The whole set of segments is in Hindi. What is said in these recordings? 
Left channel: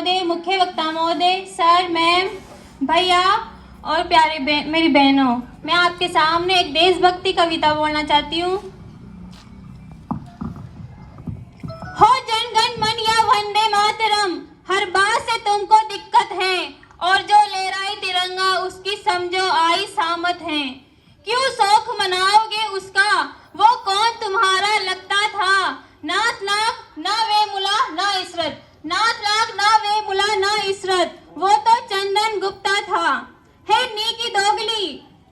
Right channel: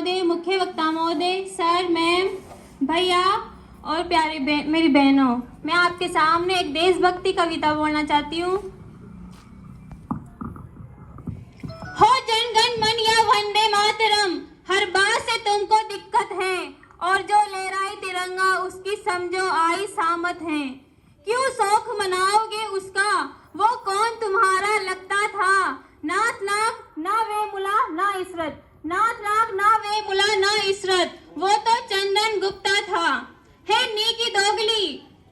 महोदय, मुख्य वक्ता महोदय, सर, मैम, भैया और प्यारे मेरी बहनों, मैं आपके सामने एक देशभक्ति कविता बोलना चाहती हूँ। हो जन गण मन या वंदे मातरम, हर बात से तुमको दिक्कत है, और जो लहराए तिरंगा उसकी समझो आई सामत है। क्यों शौक मनाओगे उसका, वो कौन तुम्हारा लगता था। नाथ लाख ना वे मुला ना इशरत, नाथ लाख ना वे मुला ना इशरत, वो तो चंदन गुप्ता था। है नी की दोगली,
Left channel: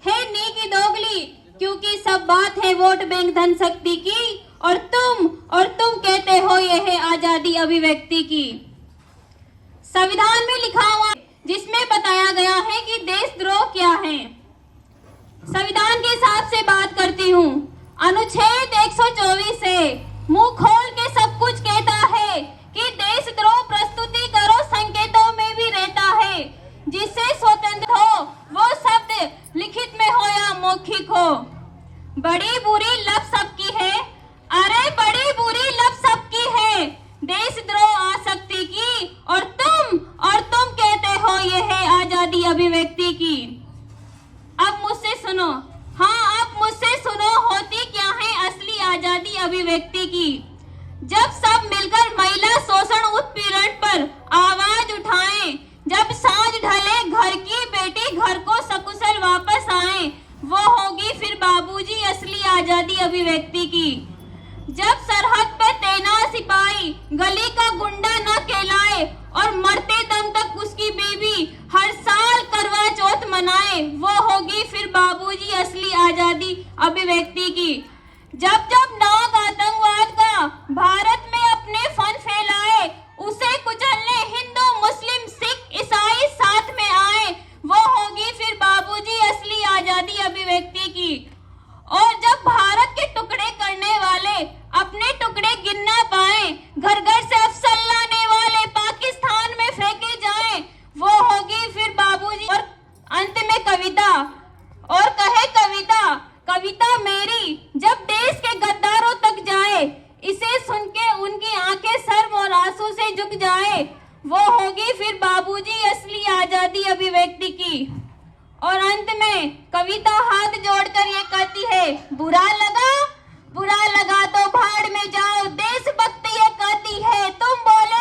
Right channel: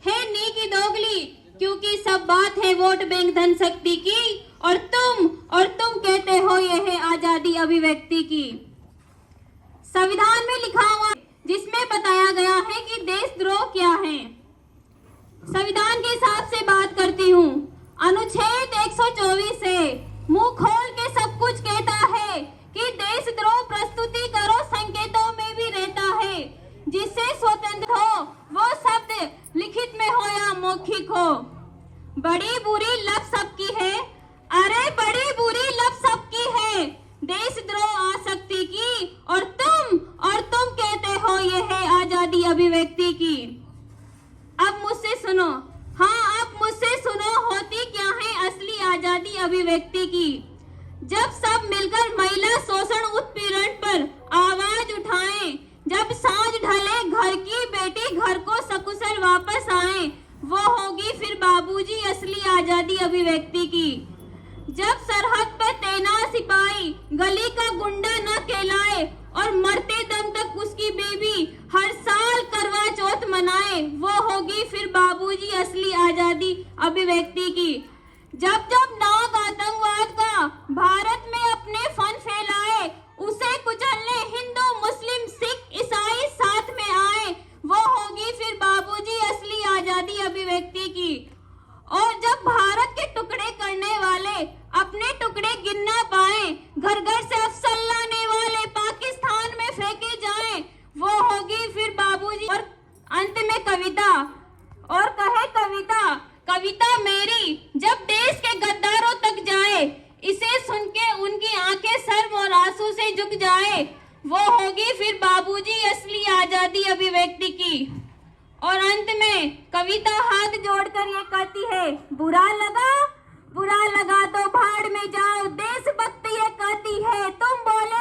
है नी की दोगली, क्योंकि सब बात है वोट बैंक धन शक्ति की, और तुम कहते हो यह है आजादी अभिव्यक्ति की। संविधान में लिखा हुआ जिसमें बताया गया है कि देशद्रोह क्या है। संविधान के हिसाब से बात करती हूँ। अनुच्छेद 124 से मुंह खोल के सब कुछ कहता है कि देशद्रोह प्रस्तुति करो संकेतों में भी रहता है। जिससे स्वतंत्र हो वो शब्द लिखित में हो या मौखिक हो। बड़ी बुरी लब सबकी है, अरे बड़ी बुरी लब सबकी है, देशद्रोह आसक्ति की, और तुम कहते हो ये है आजादी अभिव्यक्ति की। अब मुझसे सुनो, हाँ अब मुझसे सुनो, होती क्या है असली आजादी अभिव्यक्ति की। जब सब मिलकर महिला शोषण उत्पीड़न पर आवाज उठाएं, जब सांझ ढले घर की बेटी घर को सकुशल वापस आए, वो होगी फिर बाबूजी असली आजादी अभिव्यक्ति की। जब सरहद पे तैनात सिपाही गली का गुंडा न कहलाए, और मरते दम तक उसकी बीवी हर साल करवा चौथ मनाए, वो होगी फिर बाबूजी असली आजादी अभिव्यक्ति की। जब जब नाग आतंकवाद का भारत में अपने फन फैलाए, उसे कुचलने हिंदू मुस्लिम सिख ईसाई साथ में आए, वो होगी फिर बाबूजी असली आजादी अभिव्यक्ति की। और जब भारत के टुकड़े करने वाले अपने टुकड़े गिन ना पाए, घर घर से अफसल लाने वाले पाकिस्तान में फेंके जाएं, वो होगी फिर बाबूजी। और अंत में कविता, और कहे कविता, कविता मेरी जब देश के गद्दारों तक जाए, इसे सुन के उनकी आंखें शर्म और आंसू से झुक जाए, वो होगी फिर बाबूजी असली आजादी अभिव्यक्ति की। और अंत में कविता हाथ जोड़कर ये कहती है, बुरा लगा तो भाड़ में जाओ, देशभक्ति ये कहती है, तुम बोले